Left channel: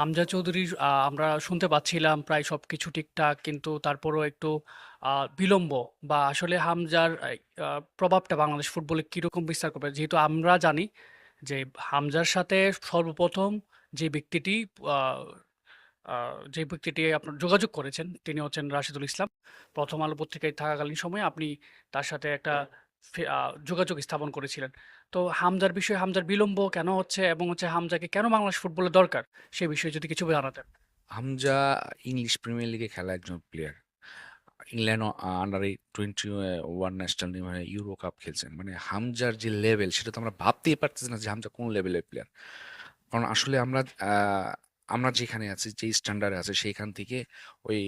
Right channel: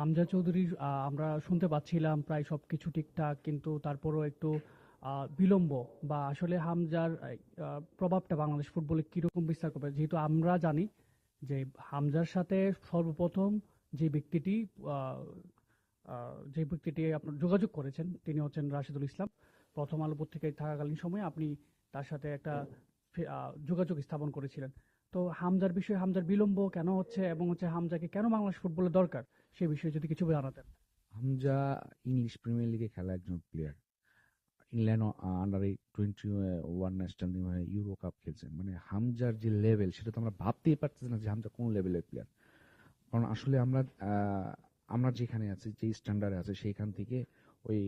হামজা চৌধুরীর আমরা শুনতে পাচ্ছিলাম প্রায় সব কিছু ঠিকঠাক, কিন্তু তারপরও একটু বিলম্ব বা আসলে হামজার প্রভাবটা বাংলাদেশ ফুটবলে কীরকম বিস্তার করবে? যেহেতু আমরা জানি যে হামজার সাথে সর্বপ্রথম যে ব্যক্তিটি যে ব্যক্তিটি আপনার যোগাযোগ করেছেন, তিনি হচ্ছেন রাশিদুল ইসলাম। 'প্রথম আলো' পত্রিকায় থাকাকালীন সময়ে আপনি তার সাথে একটা যোগাযোগ স্থাপন করেছিলেন। তো হামজার বিষয়ে, হামজার বিলম্ব কেন হচ্ছে এবং হচ্ছে হামজাকে কেন বাংলাদেশ ফুটবলে দরকার? সে বিষয়ে যদি কিছু জানাতেন। হামজা ইংলিশ প্রিমিয়ার লিগে খেলা একজন প্লেয়ার। ইংল্যান্ড আন্ডার এই 21 ন্যাশনাল টিম ইউরো কাপ খেলছেন। মানে হামজার যে লেভেল সেটা তো আমরা ভাবতেই পারতেছি না যে হামজা কোন লেভেলের প্লেয়ার। কারণ আসলে আমরা আমরা যেখানে আছি, যেই স্ট্যান্ডার্ডে আছে সেইখান থেকে ওই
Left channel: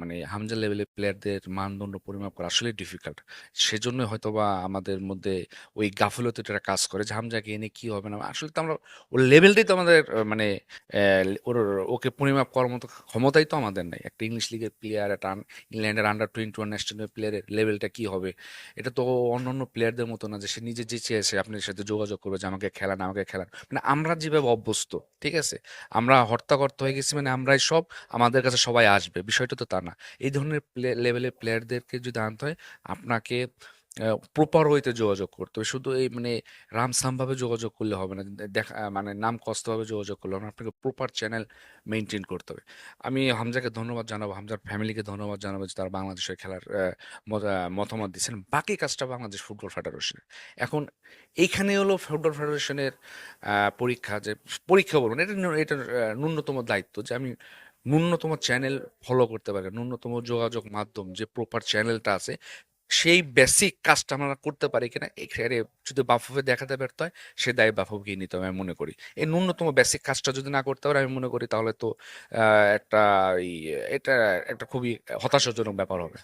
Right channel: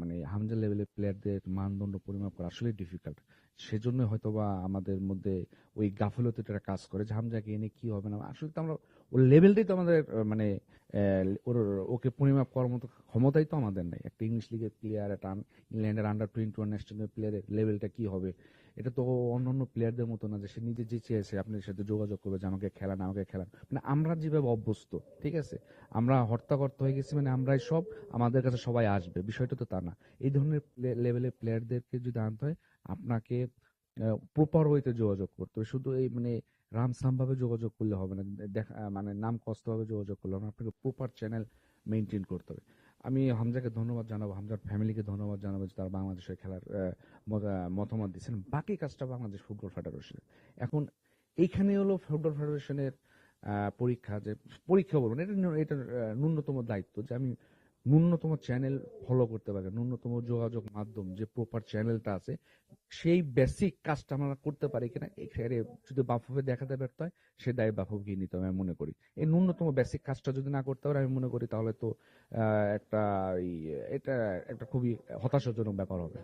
মানে হামজা লেভেলের প্লেয়ারদের মানদণ্ড পরিমাপ করা আসলেই ডিফিকাল্ট। সেজন্য হয়তো বা আমাদের মধ্যে ওই গাফিলতিটা কাজ করে যে হামজাকে এনে কি হবে না। আসলে তো আমরা ওর লেভেলটাই তো আমাদের মানে ওর ওকে পরিমাপ করার মতো ক্ষমতাই তো আমাদের নাই। একটা ইংলিশ লিগের প্লেয়ার, একটা ইংল্যান্ডের আন্ডার 21 ন্যাশনাল প্লেয়ারের লেভেলটা কি হবে? এটা তো অন্য অন্য প্লেয়ারদের মতো না যে সে নিজে যে চেয়েছে আপনার সাথে যোগাযোগ করবে যে আমাকে খেলান, আমাকে খেলান। মানে আমরা যেভাবে অভ্যস্ত, ঠিক আছে? আমরা হর্তাকর্তা হয়ে গেছি মানে আমরাই সব, আমাদের কাছে সবাই আসবে। বিষয়টা তো তা না। এই ধরনের প্লে লেভেলের প্লেয়ারদেরকে যদি আনতে হয় আপনাকে প্রপার ওয়েতে যোগাযোগ করতে হবে। শুধু এই মানে রামসামভাবে যোগাযোগ করলে হবে না। দেখা মানে নাম কস্তভাবে যোগাযোগ করলে হবে আপনাকে প্রপার চ্যানেল মেনটেন করতে হবে। আমি হামজাকে ধন্যবাদ জানাব। হামজার ফ্যামিলিকে ধন্যবাদ জানাব যে তারা বাংলাদেশের খেলার মতামত দিচ্ছেন। বাকি কাজটা বাংলাদেশ ফুটবল ফেডারেশনের। এখন এইখানে হলো ফুটবল ফেডারেশনের পরীক্ষা যে পরীক্ষা বলব না। এটা এটার ন্যূনতম দায়িত্ব যে আমি ন্যূনতম চ্যানেল ফলো করতে পারি। ন্যূনতম যোগাযোগ মাধ্যম যে প্রপার চ্যানেলটা আছে, সেই বেসিক কাজটা আমরা করতে পারি কিনা এখানে যদি বাফুফে দেখাতে ব্যর্থ হয়, সে দায় বাফুফেকেই নিতে হবে আমি মনে করি। এই ন্যূনতম বেসিক কাজটা যদি না করতে পারে আমি মনে করি তাহলে তো একটা এটা একটা খুবই হতাশাজনক ব্যাপার হবে।